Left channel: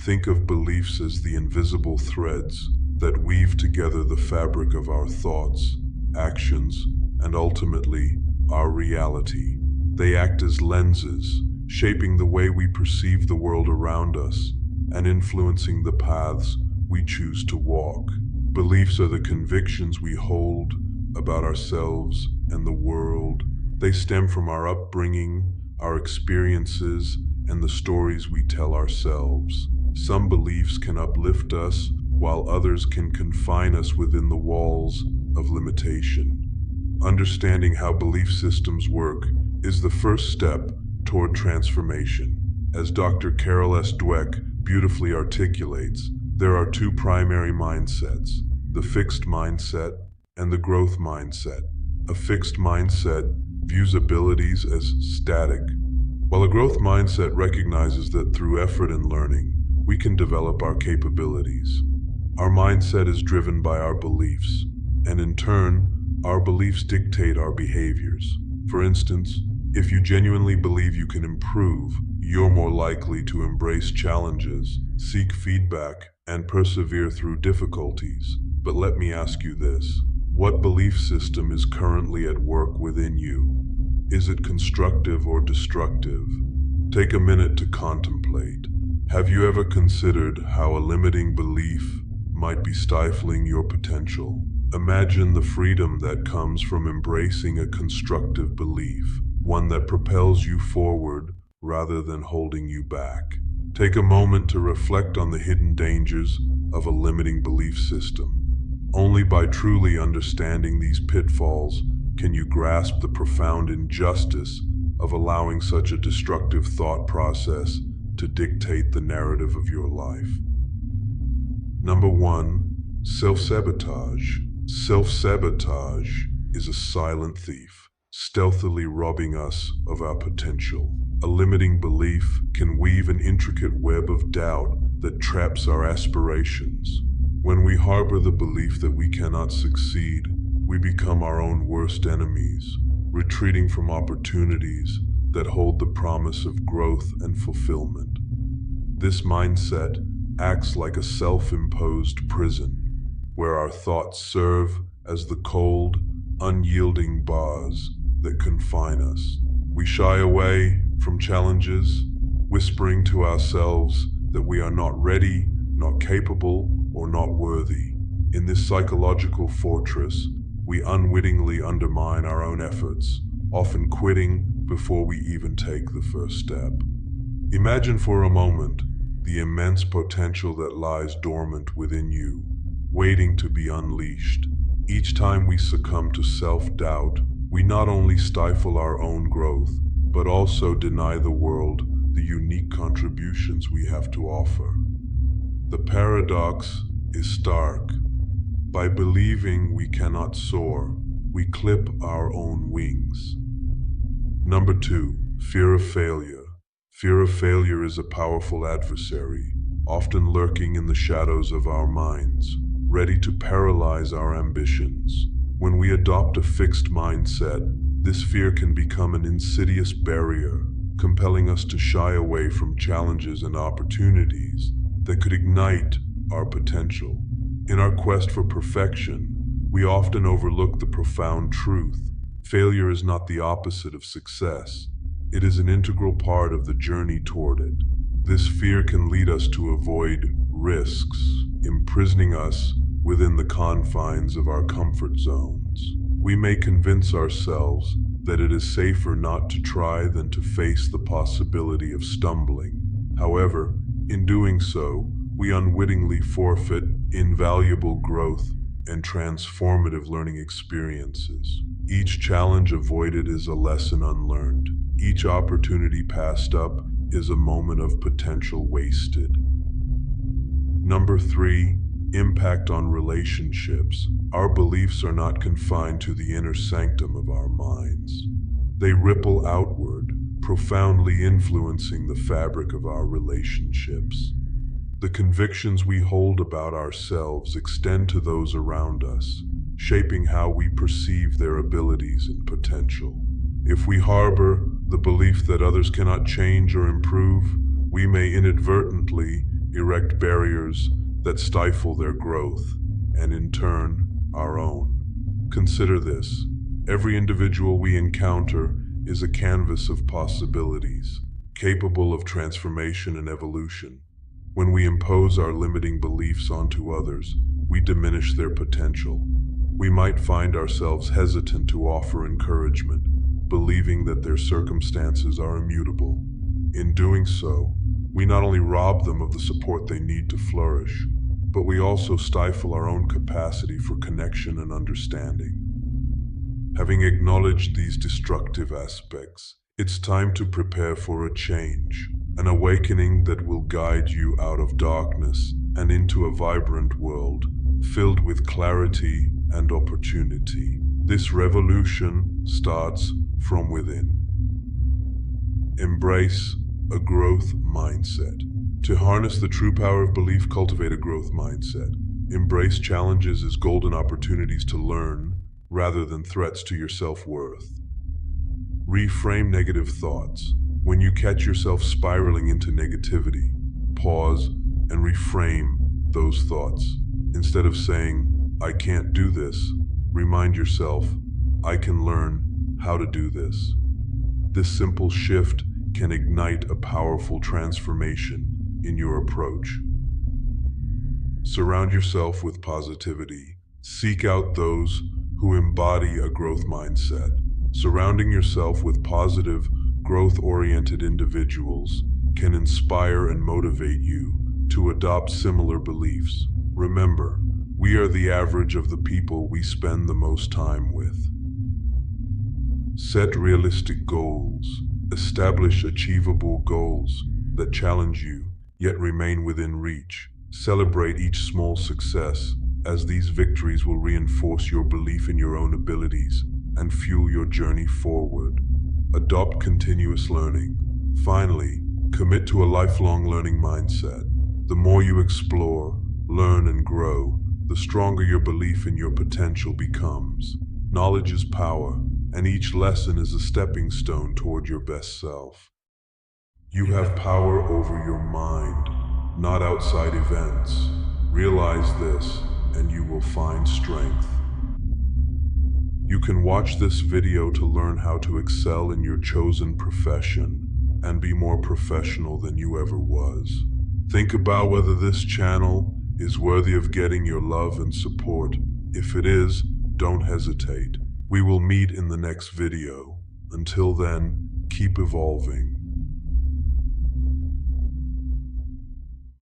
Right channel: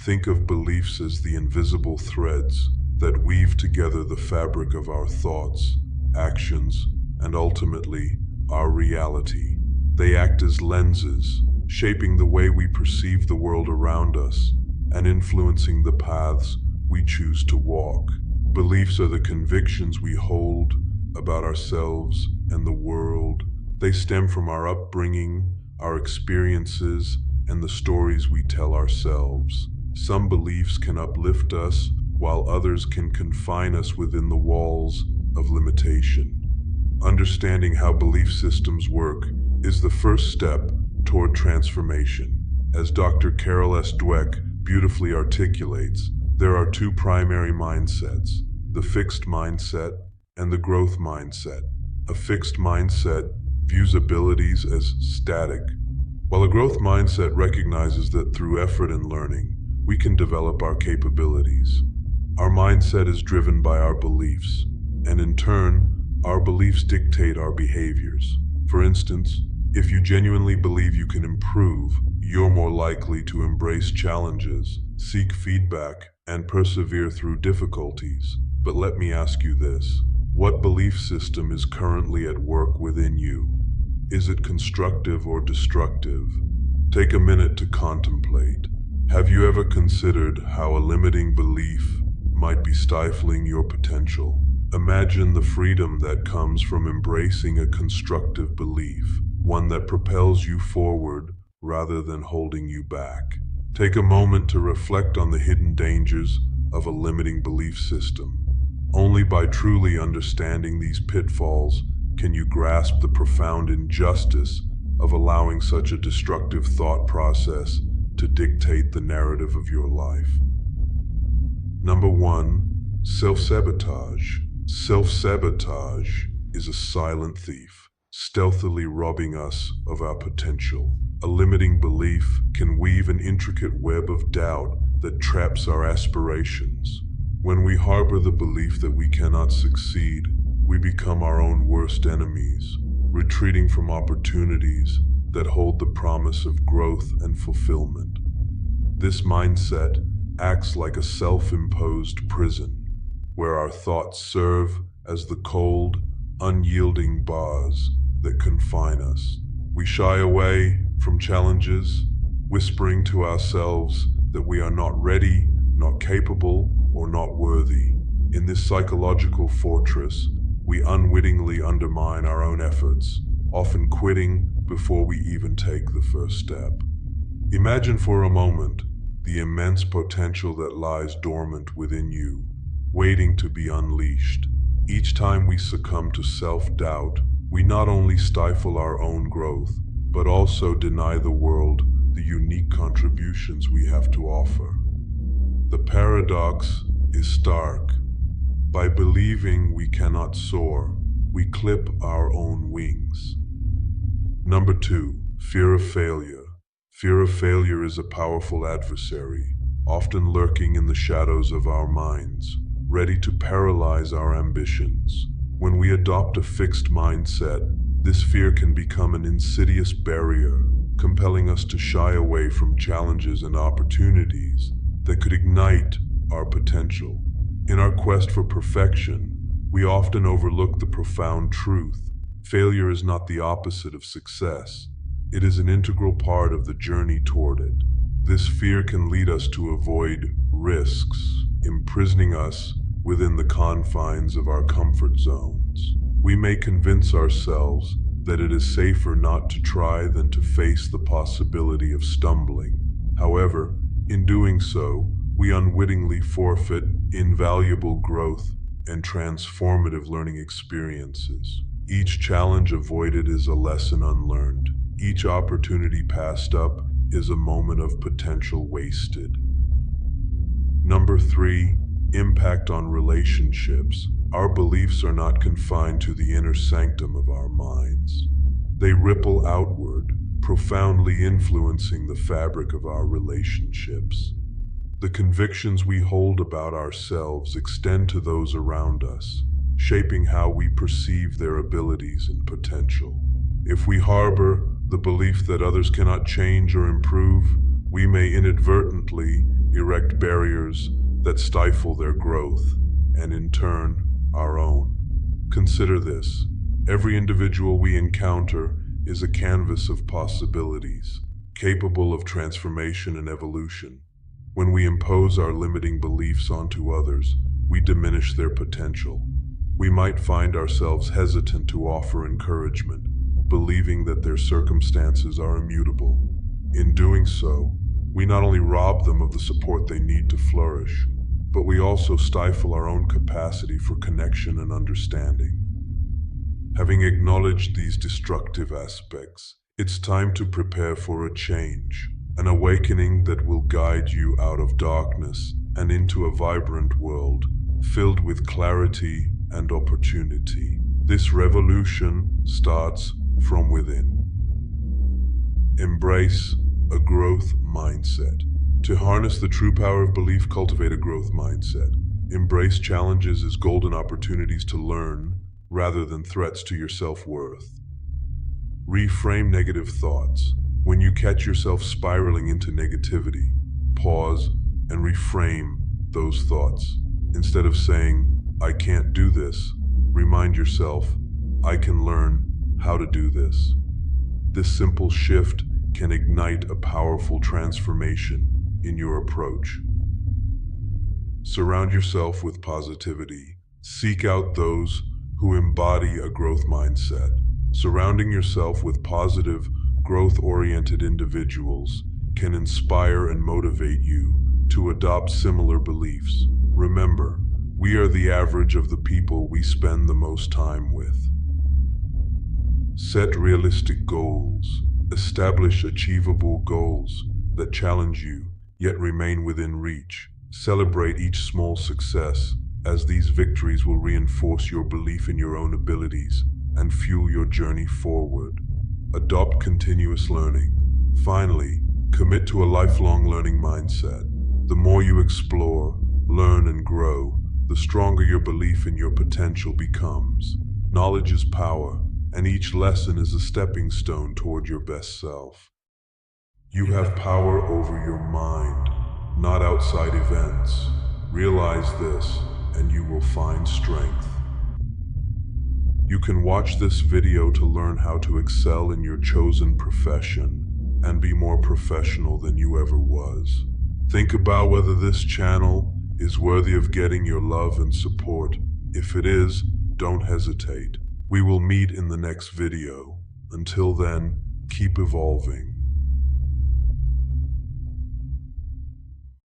Think of beliefs as the invisible threads that weave together the fabric of our thoughts, actions, and ultimately, our reality. They act as lenses, shaping the way we perceive the world around us and influencing the paths we choose to walk. Beliefs are the convictions we hold about ourselves and the world. They stem from our upbringing, our experiences, and the stories we tell ourselves. Some beliefs can uplift us, while others can confine us within the walls of limitation. Understanding how belief systems work is the first step toward transformation. As Dr. Carol S. Dweck beautifully articulates, there are two primary mindsets, the fixed mindset and the growth mindset. A fixed mindset views abilities as static, while a growth mindset recognizes that through effort and learning, we can develop our capabilities. Our mindset is driven by our beliefs, and in turn, our beliefs dictate our behaviors. For instance, if you genuinely believe you can improve, you're more likely to embrace challenges, seek feedback, and persevere through difficulties. But let me ask you this: what belief system is currently at work within you? Is it constructive or destructive? Take a minute to contemplate. Have you ever considered how a limiting belief might be stifling your potential? Imagine the freedom that comes from embracing a constructive belief, one that propels you forward rather than holding you back. Take a moment to reflect on the hidden dangers of a limiting belief system. Only by truly understanding these pitfalls can you grasp the profound injustice of allowing such a destructive thought process to dictate the narrative of your life. Number 1, self-sabotage. Self-sabotage is a silent thief, stealthily robbing us of our potential. A limiting belief can weave an intricate web of doubt that traps our aspirations. When we harbor the belief that we cannot succeed, we become our own worst enemies, retreating from opportunities that hold the promise of growth and fulfillment. This mindset acts like a self-imposed prison, where our thoughts serve as the cold, unyielding bars that confine us. We shy away from challenges, whispering to ourselves that we are not ready, not capable, or not worthy. In this psychological fortress, we unwittingly undermine our own efforts, often quitting before we even take the first step. Imagine for a moment the immense potential that lies dormant within you, waiting to be unleashed. Each time we succumb to self-doubt, we not only stifle our own growth, but also deny the world the unique contributions we have to offer. The paradox is stark. By believing we cannot soar, we clip our own wings. Number 2, fear of failure. Fear of failure is a powerful adversary, often lurking in the shadows of our minds, ready to paralyze our ambitions. When we adopt a fixed mindset, this fear can become an insidious barrier, compelling us to shy away from challenges and opportunities that could ignite our potential. In our quest for perfection, we often overlook the profound truth: failure is not the opposite of success. It is an integral part of the journey toward it. This fear can lead us to avoid risks, imprisoning us within the confines of our comfort zones. We may convince ourselves that it is safer not to try than to face the possibility of stumbling. However, in doing so, we unwittingly forfeit invaluable growth and transformative learning experiences. Each challenge avoided is a lesson unlearned. Each opportunity passed up is a moment of potential wasted. Number 3, impact on relationships. Our beliefs are not confined to the inner sanctum of our minds. They ripple outward, profoundly influencing the fabric of our relationships. The convictions we hold about ourselves extend to those around us, shaping how we perceive their abilities and potential. If we harbor the belief that others cannot change or improve, we may inadvertently erect barriers that stifle their growth, and in turn, our own. Consider this. Every individual we encounter is a canvas of possibilities, capable of transformation and evolution. When we impose our limiting beliefs onto others, we diminish their potential. We might find ourselves hesitant to offer encouragement, believing that their circumstances are immutable. In doing so, we not only rob them of the support they need to flourish, but we also stifle our own capacity for connection and understanding. Having acknowledged these destructive aspects, it's time to prepare for a change, an awakening that will guide you out of darkness and into a vibrant world filled with clarity and opportunity. This revolution starts from within. Embrace a growth mindset. To harness the true power of belief, cultivate a growth mindset. Embrace challenges as golden opportunities to learn rather than threats to your self-worth. Reframe negative thoughts. When you catch yourself spiraling into negativity, pause and reframe those thoughts. Instead of saying, "I can't do this," remind yourself, "I can learn how to do this." This simple shift can ignite a powerful transformation in your approach. Surround yourself with positivity. Seek out those who embody a growth mindset. Surrounding yourself with positive, growth-oriented individuals can inspire and motivate you to adopt similar beliefs. Remember, we are the average of the people we spend the most time with. Set realistic goals. Establish achievable goals that challenge you, yet remain within reach. Celebrate each small success, as these victories will reinforce your belief in your own abilities and fuel your journey forward. Adopt continuous learning. Finally, commit to a lifelong learning mindset. The more you explore, learn, and grow, the stronger your belief in your potential becomes. Knowledge is power, and each lesson is a stepping stone toward your best self. You have power over your mind, not outside events. Realize this, and you will find strength. You can watch this video to learn how to excel in your chosen profession and be more professional than you ever was. Think about whether this channel is worthy of getting your love and support. If it is, don't hesitate. We will meet in the next video. Until then, keep evolving.